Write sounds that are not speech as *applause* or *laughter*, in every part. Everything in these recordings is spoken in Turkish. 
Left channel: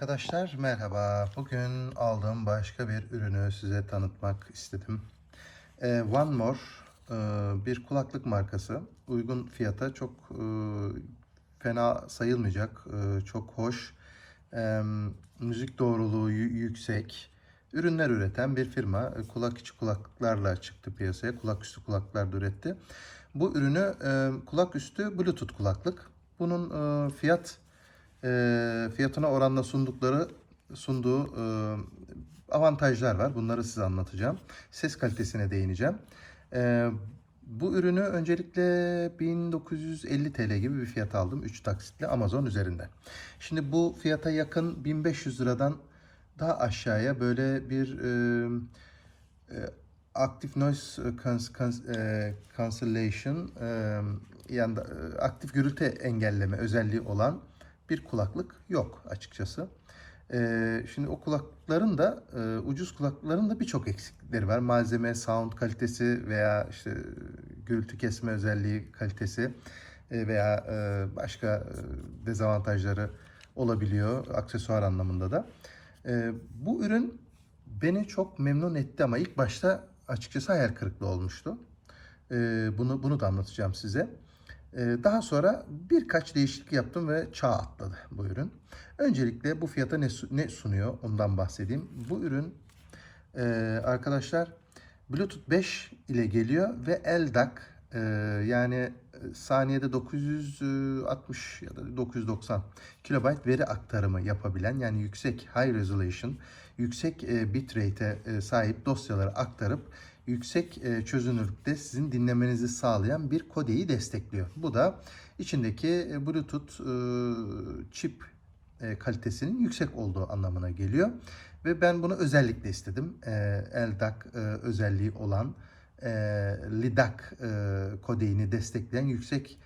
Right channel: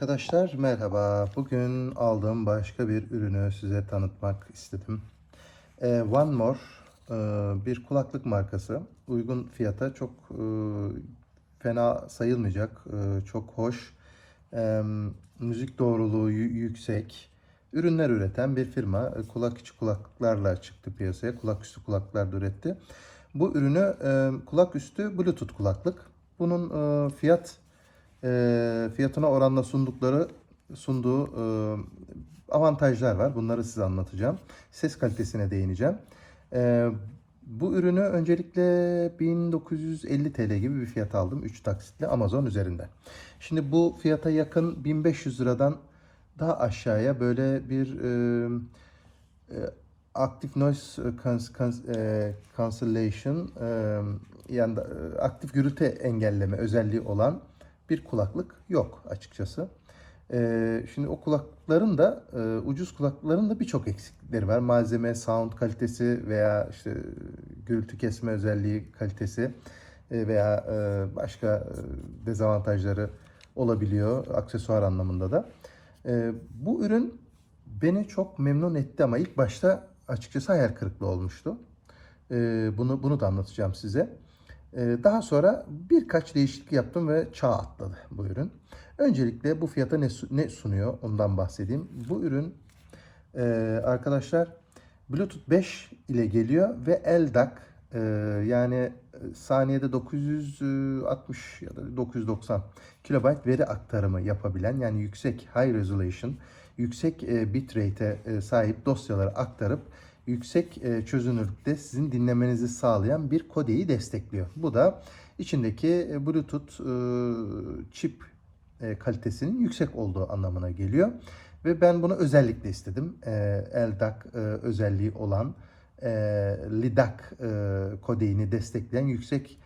Arkadaşlar merhaba. Bugün aldığım başka bir ürünü size tanıtmak istedim. Ee, One More e, bir kulaklık markası. Uygun fiyata çok e, fena sayılmayacak. e, çok hoş. müzik doğruluğu yü- yüksek. Ürünler üreten bir firma. E, Kulak içi kulaklıklarla çıktı piyasaya. Kulak üstü kulaklıklar da üretti. Bu ürünü e, kulak üstü Bluetooth kulaklık. Bunun fiyat e, fiyatına oranla sundukları sunduğu e, avantajlar var. Bunları size anlatacağım. Ses kalitesine değineceğim. E, bu ürünü öncelikle 1950 TL gibi bir fiyat aldım. 3 taksitle Amazon üzerinde. Şimdi bu fiyata yakın 1500 liradan daha aşağıya böyle bir e, e, Active Noise cans- e, Cancellation e, yani e, aktif gürültü engelleme özelliği olan bir kulaklık yok açıkçası. E, şimdi o kulaklıkların da e, ucuz kulaklıkların da birçok eksiklikleri var. Malzeme, sound kalitesi veya işte gürültü kesme özelliği kalitesi e, veya e, başka e, dezavantajları olabiliyor aksesuar anlamında da. E, bu ürün beni çok memnun etti ama ilk başta açıkçası hayal kırıklığı olmuştu. Ee, bunu bunu da anlatacağım size. Ee, daha sonra birkaç değişiklik yaptım ve çağ atladı bu ürün. Öncelikle bu fiyata ne, su- ne sunuyor ondan bahsedeyim. Bu ürün e, arkadaşlar Bluetooth 5 ile geliyor ve LDAC e, yani e, saniyede 960 ya da 990 kilobayt veri aktarımı yapabilen yani yüksek high resolution yüksek bitrate'e sahip dosyaları aktarıp yüksek e, çözünürlükte sizin dinlemenizi sağlayan bir kodeyi destekliyor. Bu da içindeki e, Bluetooth e, çip kalitesinin yüksek olduğu anlamına geliyor. Ve ben bunu özellikle istedim. LDAC özelliği olan LIDAC kodeyini destekleyen yüksek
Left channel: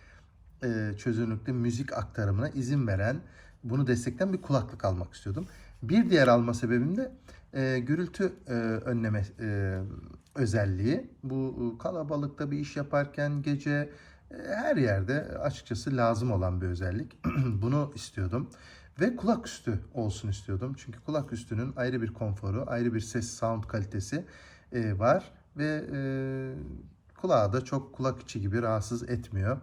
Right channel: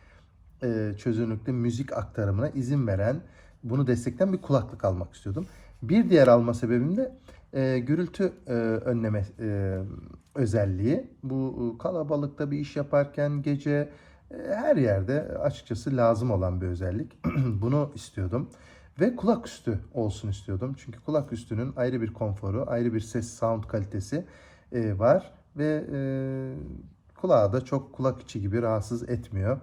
çözünürlükte müzik aktarımına izin veren, bunu destekleyen bir kulaklık almak istiyordum. Bir diğer alma sebebim de e, gürültü e, önleme e, özelliği. Bu e, kalabalıkta bir iş yaparken gece e, her yerde açıkçası lazım olan bir özellik. *clears throat* Bunu istiyordum. Ve kulak üstü olsun istiyordum. Çünkü kulak üstünün ayrı bir konforu, ayrı bir ses sound kalitesi e, var. Ve e, kulağı da çok kulak içi gibi rahatsız etmiyor.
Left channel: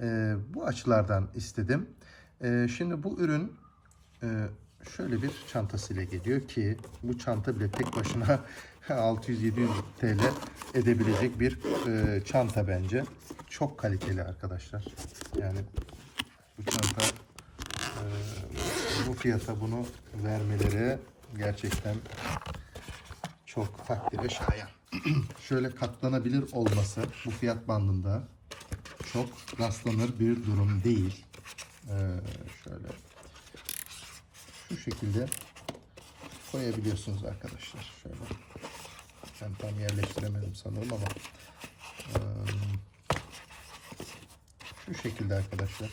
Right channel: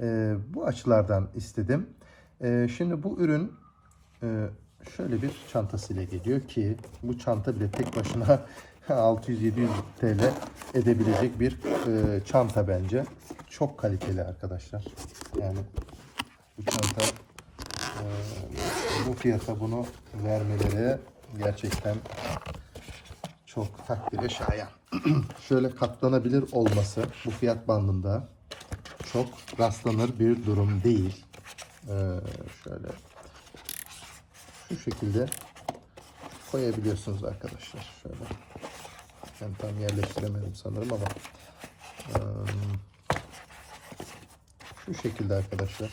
E, bu açılardan istedim. E, şimdi bu ürün e, şöyle bir çantasıyla geliyor ki bu çanta bile tek başına *laughs* 600-700 TL edebilecek bir e, çanta bence. Çok kaliteli arkadaşlar. Yani bu çanta e, bu fiyata bunu vermeleri gerçekten çok takdire şayan. *clears throat* Şöyle katlanabilir olması bu fiyat bandında çok rastlanır bir durum değil. Ee, şöyle şu şekilde koyabiliyorsunuz arkadaşlar. Şöyle. Ben tam yerleştiremedim sanırım ama şu şekilde arkadaşlar.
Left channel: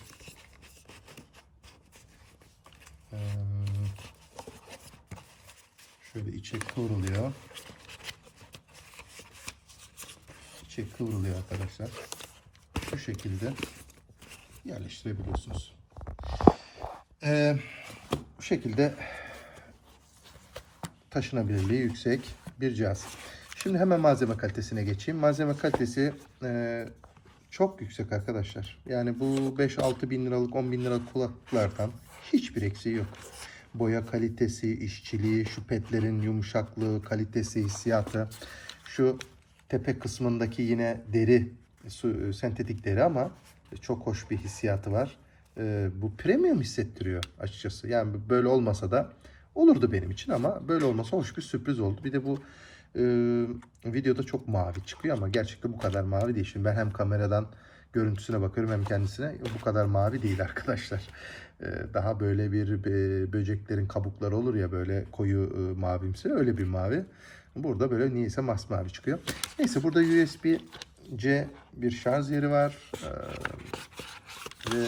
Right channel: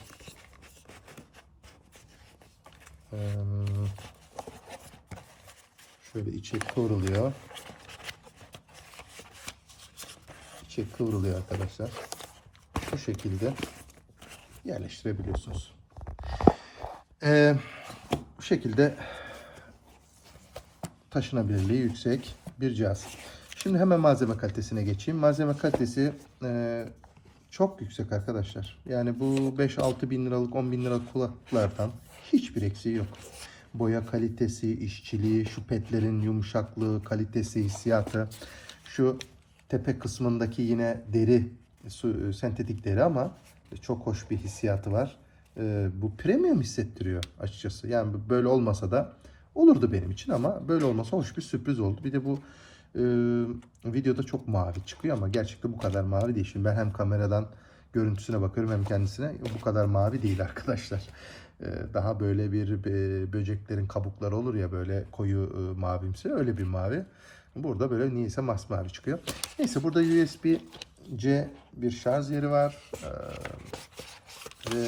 Şöyle içi kıvrılıyor. İçi kıvrılıyor arkadaşlar. Şu şekilde yerleştirebiliyorsunuz. Bu şekilde taşınabilirliği yüksek bir cihaz. Şimdi hemen malzeme kalitesine geçeyim. Malzeme kalitesi e, çok yüksek arkadaşlar. Yani bu 5-6 bin liralık 10 bin liralık kulaklıklardan hiçbir eksiği yok. Boya kalitesi, işçiliği, şu petlerin yumuşaklığı, kalitesi, hissiyatı. Şu tepe kısmındaki yine deri, su- sentetik deri ama çok hoş bir hissiyatı var. E, bu premium hissettiriyor açıkçası. Yani böyle olmasa da olurdu benim için ama böyle olması hoş bir sürpriz oldu. Bir de bu e, videoda çok mavi çıkıyor ama gerçekten bu kadar mavi değil. Şimdi ben hem kameradan görüntüsüne bakıyorum hem kendisine bu kadar mavi değil arkadaşlar. E, daha böyle bir e, böceklerin kabukları olur ya böyle koyu e, mavimsi öyle bir mavi. Burada böyle niyeyse masmavi çıkıyor. Neyse burada USB-C bir şarj yeri var. E, ve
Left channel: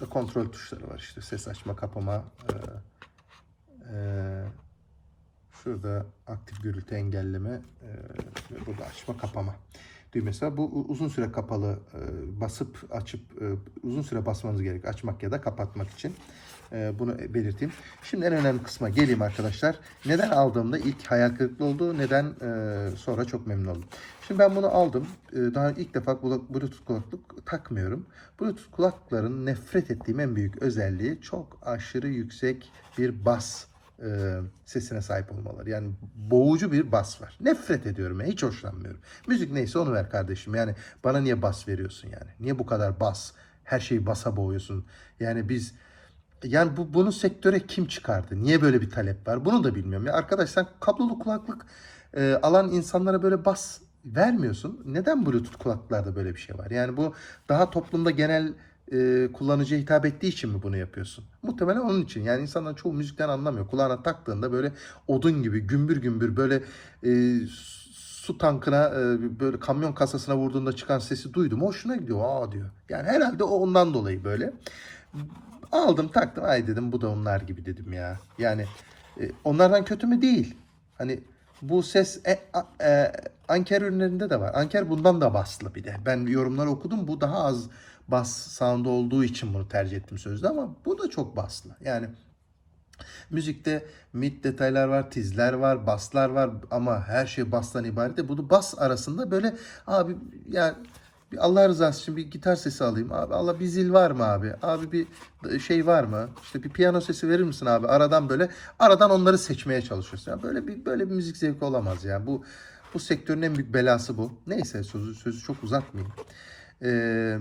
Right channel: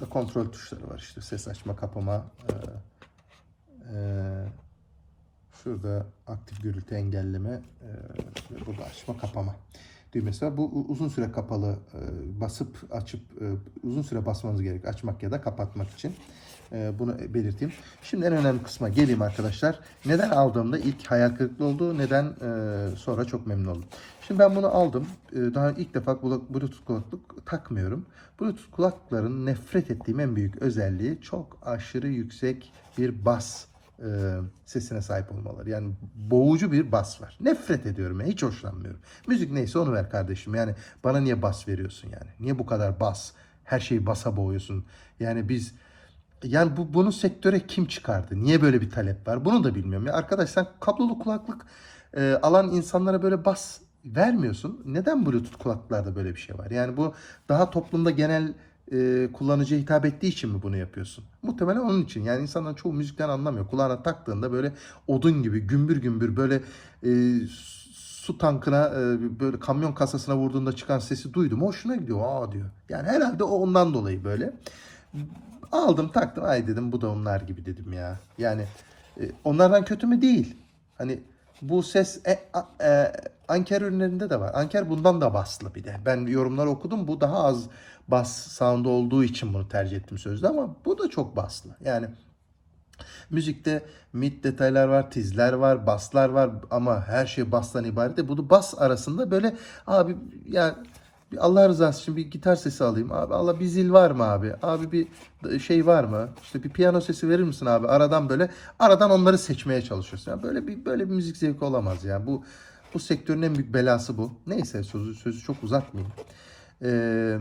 Şurada kontrol tuşları var işte ses açma kapama. Ee, e, şurada aktif gürültü engelleme. E, burada açma kapama. düğmesi var. Bu uzun süre kapalı e, basıp açıp e, uzun süre basmanız gerek açmak ya da kapatmak için. E, bunu belirteyim. Şimdi en önemli kısma geleyim arkadaşlar. Neden aldığımda ilk hayal kırıklığı oldu, neden e, sonra çok memnun oldum. Şimdi ben bunu aldım. E, daha ilk defa Bluetooth kulaklık takmıyorum. Bluetooth kulaklıkların nefret ettiğim en büyük özelliği çok aşırı yüksek bir bas e, sesine sahip olmaları. Yani boğucu bir bas var. Nefret ediyorum. Hiç hoşlanmıyorum. Müzik neyse onu ver kardeşim. Yani bana niye bas veriyorsun yani? Niye bu kadar bas? Her şeyi basa boğuyorsun. Yani biz yani bu bunu sektöre kim çıkardı? Niye böyle bir talep var? Bunu da bilmiyorum. Ya arkadaşlar kablolu kulaklık e, alan insanlara böyle bas vermiyorsun. Neden Bluetooth kulaklıklarda böyle bir şey var? Yani bu daha toplumda genel e, kullanıcıya hitap ettiği için mi bunu yapıyorsun? Muhtemelen onun için. Yani insanlar çoğu müzikten anlamıyor. Kulağına taktığında böyle odun gibi gümbür gümbür böyle e, su tankına e, böyle kamyon kasasına vurduğunda çıkan sesi duydum. Hoşuna gidiyor. Aa diyor. Yani herhalde o ondan dolayı böyle. Aldım taktım. Ay dedim bu da onlar gibi dedim ya. Yani e, onlardan kötü mü değil. Hani bu ses e, e, Anker ürünlerinde de var. Anker bundan da baslı bir de. Ben yorumlar okudum. Bu daha az bas sound olduğu için bunu tercih ettim sözde ama bu da çok baslı. Yani müzikte mid detaylar var, tizler var, baslar var ama her şey bastan ibaret. Bunu bas arasında böyle abi yani bir Allah rızası için bir gitar sesi alayım. Abi Allah bir zil var mı abi? Abi bir şey var mı? İşte bir piyano sesi verir misin abi? Aradan böyle aradan onları seçmeye çalışıyorsun. Yani böyle bir böyle bir müzik zevki olamaz ya. Bu bu sektörün en büyük belası bu. Neyse sözü sözü çok uzatmayayım. Ee,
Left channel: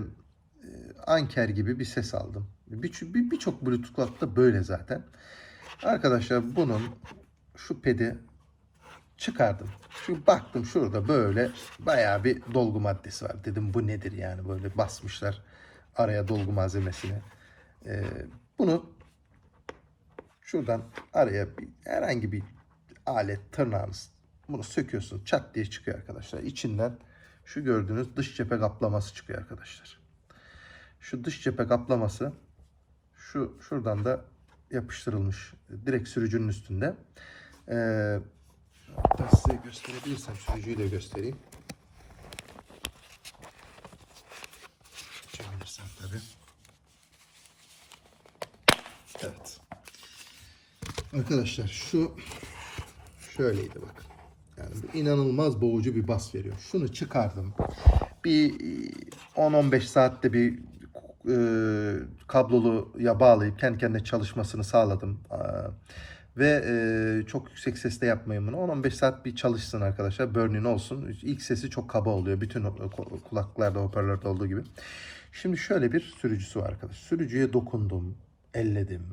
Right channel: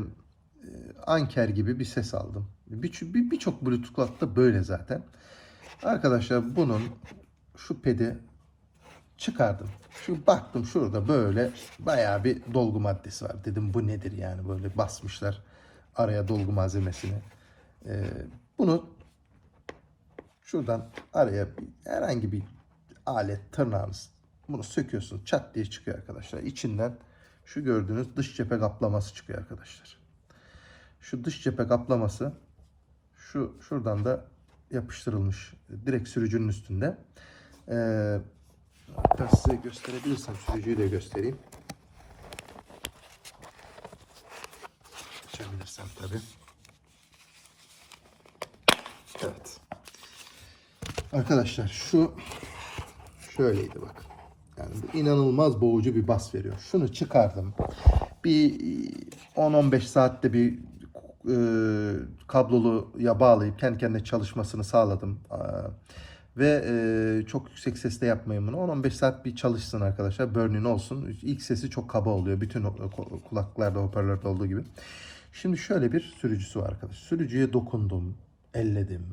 Anker gibi bir ses aldım. Birçok bir, birçok Bluetooth kulaklıkta böyle zaten. Arkadaşlar bunun şu pedi çıkardım. Şu baktım şurada böyle bayağı bir dolgu maddesi var. Dedim bu nedir yani böyle basmışlar araya dolgu malzemesini. Ee, bunu şuradan araya bir, herhangi bir alet tırnağınız bunu söküyorsun çat diye çıkıyor arkadaşlar. İçinden şu gördüğünüz dış cephe kaplaması çıkıyor arkadaşlar. Şu dış cephe kaplaması şu şuradan da yapıştırılmış direkt sürücünün üstünde. Ee, hatta size gösterebilirsem sürücüyü de göstereyim. Açabilirsem tabii. Evet. Arkadaşlar şu şöyleydi bak. Yani inanılmaz boğucu bir bas veriyor. Şunu çıkardım. Bir 10-15 saatte bir e, kabloluya bağlayıp kendi kendine çalışmasını sağladım. Aa, ve e, çok yüksek sesle yapmayın bunu. 10-15 saat bir çalışsın arkadaşlar. Burn-in olsun. İlk sesi çok kaba oluyor. Bütün kulaklıklarda, hoparlörde olduğu gibi. Şimdi şöyle bir sürücüsü var arkadaşlar. Sürücüye dokundum, elledim.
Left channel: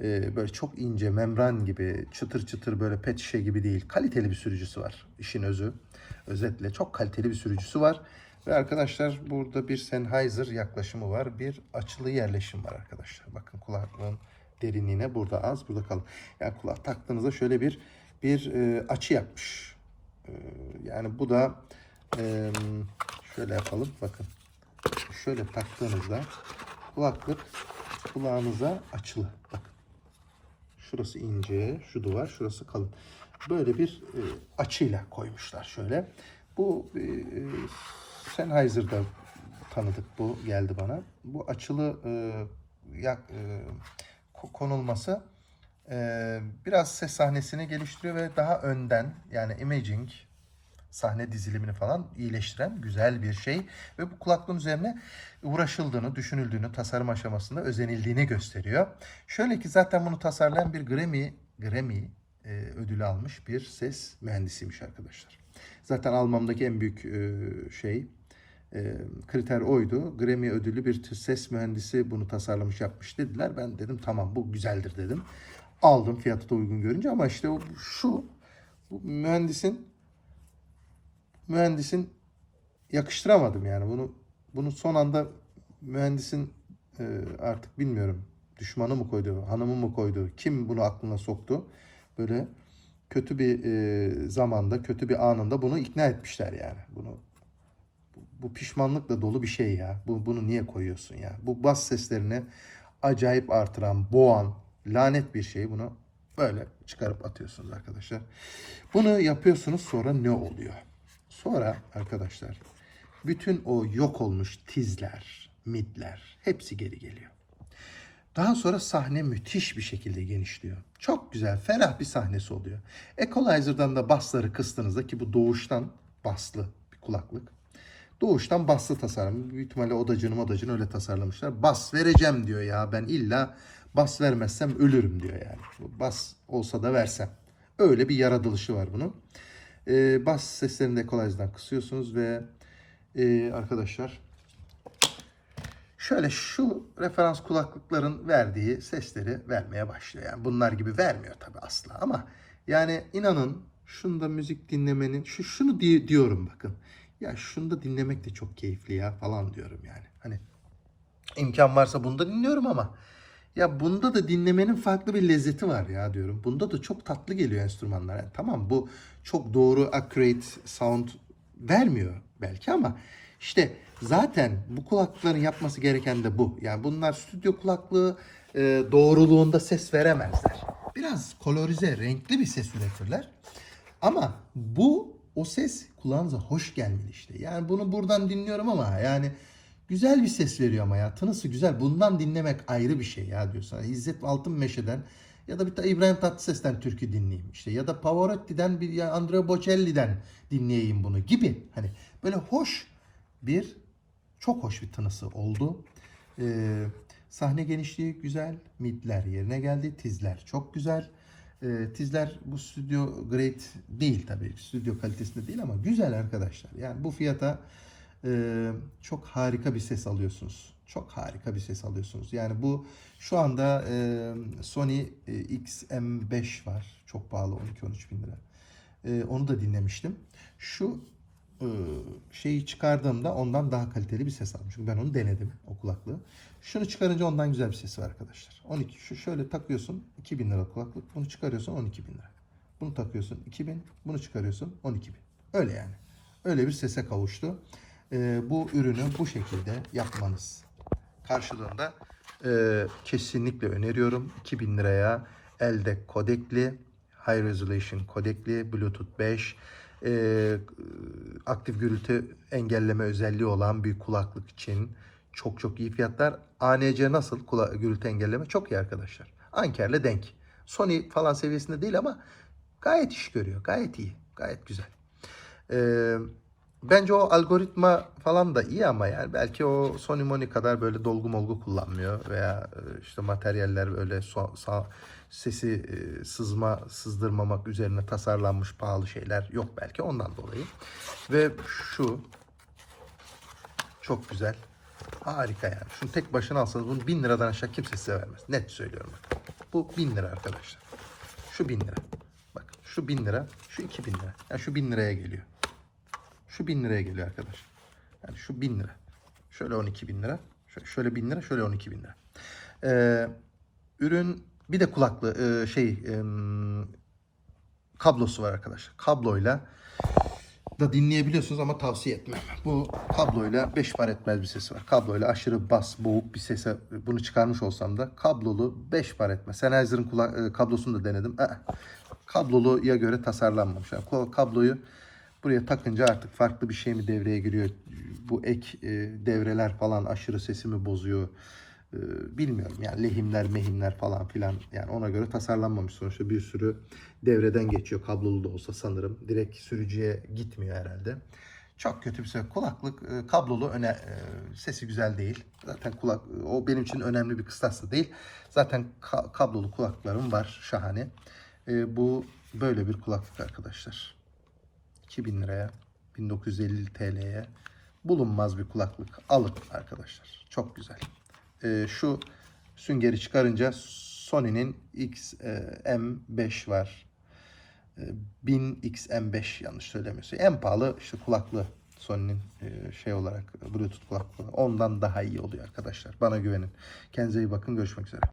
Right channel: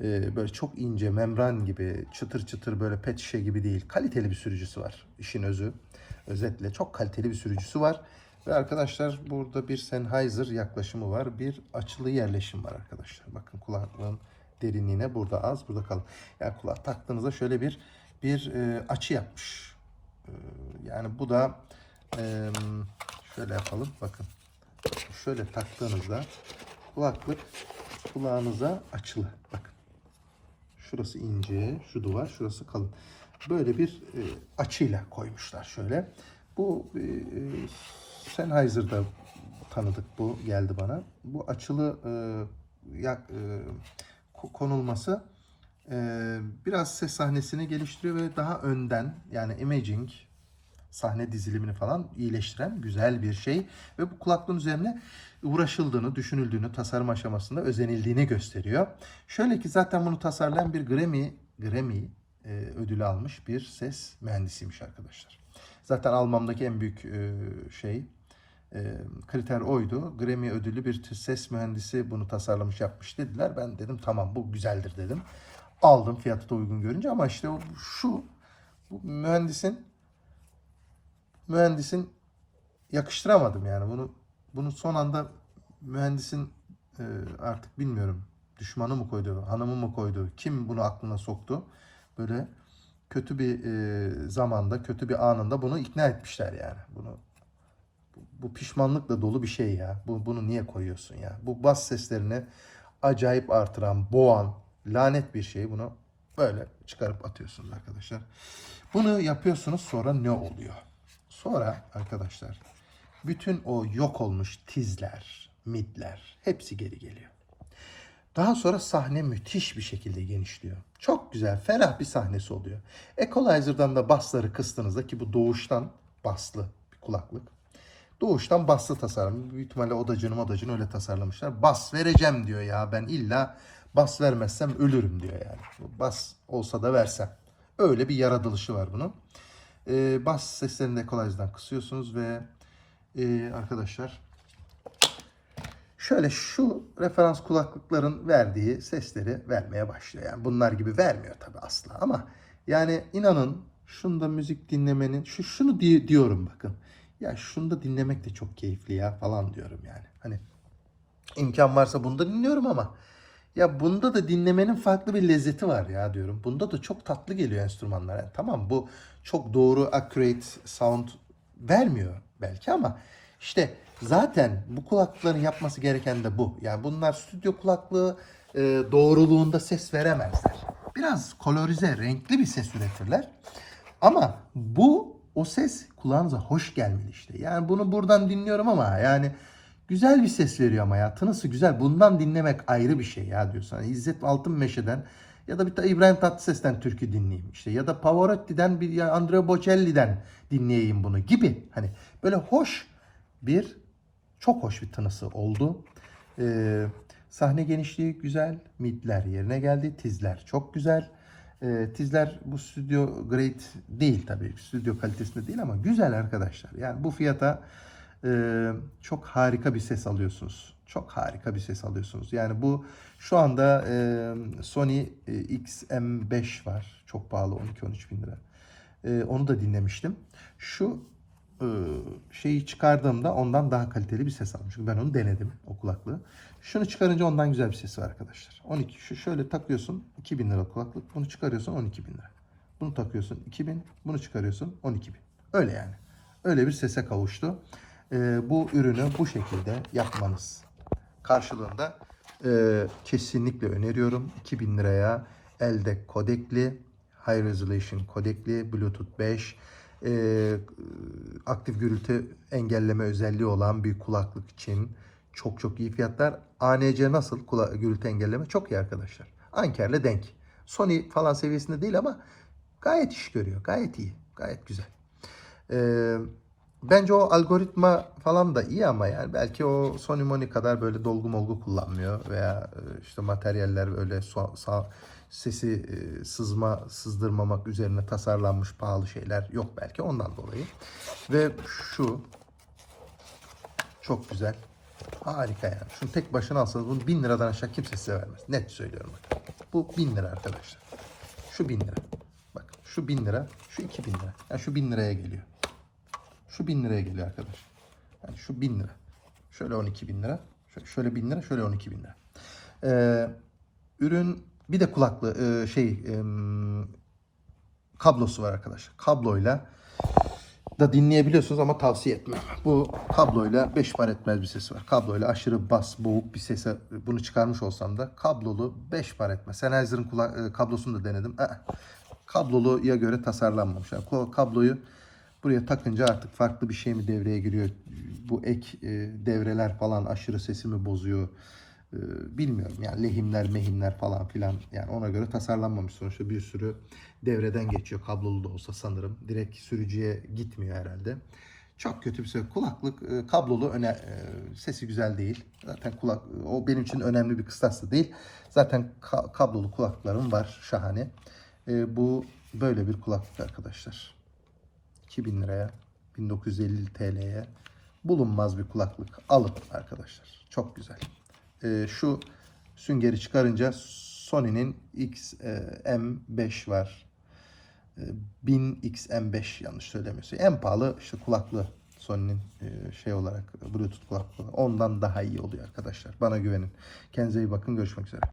Ee, böyle çok ince, membran gibi, çıtır çıtır böyle pet şişe gibi değil. Kaliteli bir sürücüsü var. İşin özü. Özetle çok kaliteli bir sürücüsü var. Ve arkadaşlar burada bir Sennheiser yaklaşımı var. Bir açılı yerleşim var arkadaşlar. Bakın kulaklığın derinliğine burada az, burada kalın. Yani kulak taktığınızda şöyle bir bir e, açı yapmış. E, yani bu da e, şöyle yapalım. Bakın. Şöyle taktığınızda kulaklık kulağınıza açılı. Bakın. Şurası ince, şu duvar, şurası kalın. Böyle bir e, açıyla koymuşlar şöyle. Bu e, Sennheiser'da tanıdık bu geldi bana. Bu açılı e, ya, e, konulması e, biraz ses sahnesini geliştiriyor ve daha önden yani imaging sahne dizilimini falan iyileştiren güzel bir şey ve bu kulaklığın üzerine uğraşıldığını, düşünüldüğünü, tasarım aşamasında özenildiğini gösteriyor. Şöyle ki zaten bunu tasarlayan bir Grammy Grammy e, ödülü almış bir ses mühendisiymiş arkadaşlar. Zaten almamdaki en büyük e, şey kriter oydu. Grammy ödülü bir ses mühendisi bunu tasarlamış yapmış dediler. Ben dedim tamam bu güzeldir dedim. Aldım fiyatı da uygun görünce ama işte o, şu mühendisin mühendisin yakıştıramadım yani bunu bunu son anda mühendisin e, artık bilmiyorum düşmanı mı koydu, hanımı mı koydu, kim bunu aklına soktu. Böyle kötü bir e, zamanda, kötü bir anında bunu ikna etmişler yani. Bunu bu pişmanlıkla dolu bir şey ya. Bu bunu niye koyuyorsun ya? Bu bas seslerini acayip artıran, boğan, lanet bir şey. Bunu böyle çıkarıp atıyorsunuz arkadaşlar. Bunu yapıyorsunuz sonra ne oluyor? Sonra arkadaşlar bütün o yok olmuş tizler, midler hepsi geri geliyor. Daha sonra sahne müthiş bir şekilde genişliyor. Çok güzel, ferah bir sahnesi oluyor. Equalizer'dan da bassları kıstığınızda ki bu doğuştan baslı bir kulaklık. Doğuştan baslı tasarım. Büyük ihtimalle odacını odacını öyle tasarlamışlar. Bas vereceğim diyor ya ben illa bas vermezsem ölürüm diyor yani. Bas olsa da versem. Öyle bir yaratılışı var bunun. Ee, bas seslerini de Equalizer'dan kısıyorsunuz ve e, arkadaşlar şöyle şu referans kulaklıkların verdiği sesleri vermeye başlıyor. Yani bunlar gibi vermiyor tabii asla ama yani inanın şunda müzik dinlemenin şu şunu di- diyorum bakın. Ya şunu da dinlemek de çok keyifli ya falan diyorum yani. Hani imkan varsa bunda dinliyorum ama ya bunda da dinlemenin farklı bir lezzeti var ya diyorum. Bunda da çok tatlı geliyor enstrümanlar. Yani tamam bu çok doğru accurate sound vermiyor belki ama işte zaten bu kulaklıkların yapması gereken de bu. Yani bunlar stüdyo kulaklığı e, doğruluğunda ses veremezler. Biraz kolorize, renkli bir ses üretirler. Ama bu o ses kulağınıza hoş gelmeli işte. Yani bunu buradan dinliyorum ama yani güzel bir ses veriyor ama ya. Tınısı güzel. Bundan dinlemek ayrı bir şey ya diyorsun. Hani İzzet Altınmeşe'den ya da bir de İbrahim Tatlıses'ten türkü dinleyeyim işte. Ya da Pavarotti'den bir ya Andrea Bocelli'den dinleyeyim bunu gibi. Hani böyle hoş bir çok hoş bir tınısı oldu. Ee, sahne genişliği güzel. Midler yerine geldi. Tizler çok güzel. Ee, tizler bu stüdyo grade değil tabii. Stüdyo kalitesinde değil ama güzel arkadaşlar. Yani bu fiyata e, çok harika bir ses alıyorsunuz. Çok harika bir ses alıyorsunuz. Yani bu şu anda e, Sony e, XM5 var. Çok pahalı 12-13 bin lira. E, onu da dinlemiştim. Şu e, şeyi çıkardığımda ondan daha kaliteli bir ses almışım. Ben onu denedim o kulaklığı. Şunu çıkarınca ondan güzel bir sesi var arkadaşlar. 12 şu şöyle takıyorsun 2000 lira kulaklık. Bunu çıkarıyorsun 12 bin lira. Bunu takıyorsun 2000. Bunu çıkarıyorsun 12 bin. Öyle yani. Öyle bir sese kavuştu. E, bu ürünü bu şekilde yapmanız karşılığında e, kesinlikle öneriyorum. 2000 liraya elde kodekli, high resolution kodekli, bluetooth 5, e, aktif gürültü engelleme özelliği olan bir kulaklık için çok çok iyi fiyatlar. ANC nasıl kula- gürültü engelleme? Çok iyi arkadaşlar. Anker'le denk. Sony falan seviyesinde değil ama gayet iş görüyor. Gayet iyi. Gayet güzel. Ee, bence o algoritma falan da iyi ama yani belki o Sony Moni kadar böyle dolgu molgu kullanmıyor veya e, işte materyaller öyle so- sa- sesi e, sızma sızdırmamak üzerine tasarlanmış pahalı şeyler yok belki ondan dolayı. Ve şu çok güzel. Harika yani. Şunu tek başına alsanız bunu 1000 liradan aşağı kimse size vermez. Net söylüyorum. Bu 1000 lira arkadaşlar. Şu 1000 lira. Bak şu 1000 lira, şu 2000 lira. Yani şu 1000 liraya geliyor. Şu 1000 liraya geliyor arkadaş. Yani şu 1000 lira. Şöyle 12 bin lira. Şöyle, şöyle 1000 lira, şöyle 12 bin lira. Ee, ürün bir de kulaklı e, şey em, kablosu var arkadaşlar. Kabloyla da dinleyebiliyorsunuz ama tavsiye etmem. Bu kabloyla 5 par etmez bir sesi var. Kabloyla aşırı bas, boğuk bir sese bunu çıkarmış olsam da kablolu 5 par etmez. Sennheiser'ın e, kablosunu da denedim. Aa, kabloluya göre tasarlanmamış. Yani kabloyu buraya takınca artık farklı bir şey mi devreye giriyor? Bu ek e, devreler falan aşırı sesimi bozuyor. E, bilmiyorum yani lehimler mehimler falan filan. Yani ona göre tasarlanmamış. Sonuçta bir sürü devreden geçiyor. Kablolu da olsa sanırım. Direkt sürücüye gitmiyor herhalde. Çok kötü bir şey kulaklık e, kablolu öne e, sesi güzel değil. Zaten kulak o benim için önemli bir kıstas değil. Zaten ka- kablolu kulaklıklarım var. Şahane. E, bu böyle bir kulaklık arkadaşlar. 2000 liraya 1950 TL'ye bulunmaz bir kulaklık. Alın arkadaşlar. Çok güzel e, şu süngeri çıkarınca Sony'nin XM5 var. E, 1000 XM5 yanlış söylemiyorsun. En pahalı işte kulaklığı Sony'nin e, şey olarak Bluetooth kulaklığı. Ondan daha iyi oluyor arkadaşlar. Bana güvenin. Kendinize iyi bakın. Görüşmek üzere.